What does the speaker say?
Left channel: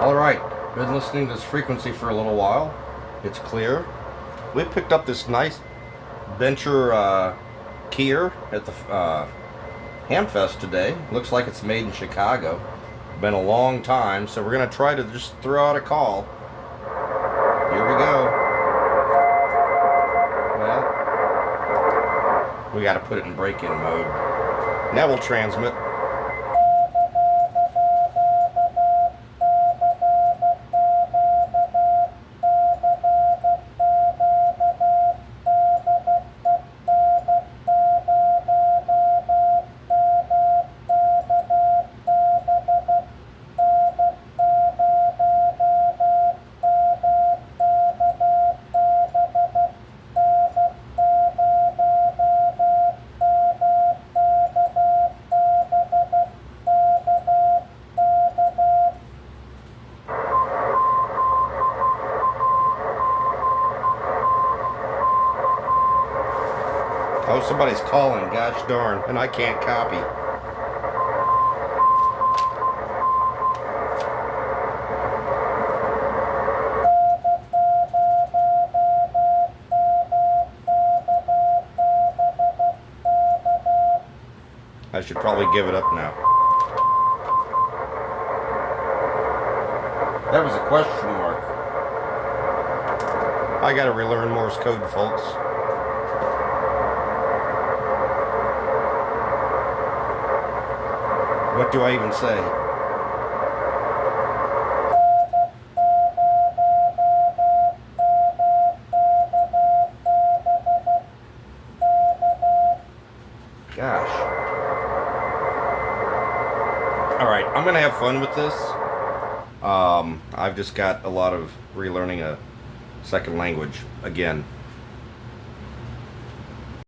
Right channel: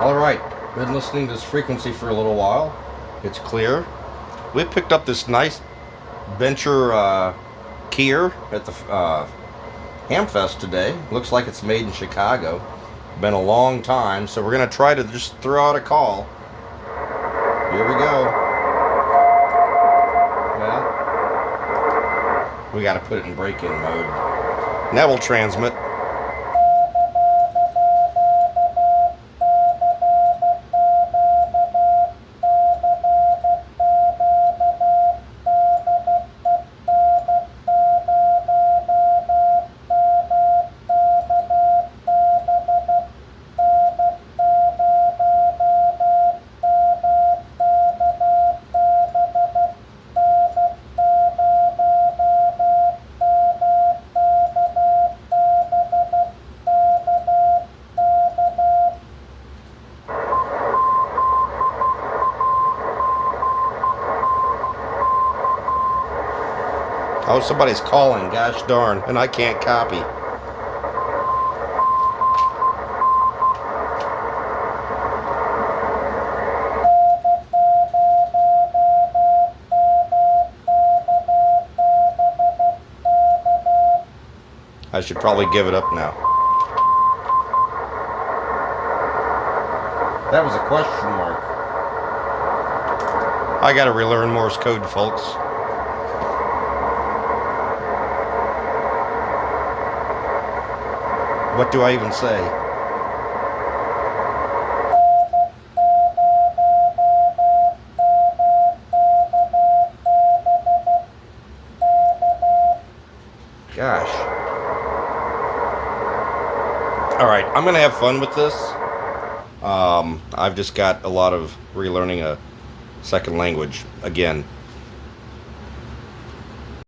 Alright, been listening to this frequency for a little while. It's clear. We picked up this nice Bencher Keyer at the Hamfest today. Looks like it's made in Chicago. Been a long time, so we're going to try to just throw out a call. Here we go. Well, we got to put it in break-in mode. Now we'll transmit. Oh, somebody's calling, gosh darn, and I can't copy. I should probably give it up now. That was a question mark. I gotta relearn Morse code, folks. What do I even say? Gosh. Alright, I'm going to have fun with this. I've just got a lot of relearning a second language again.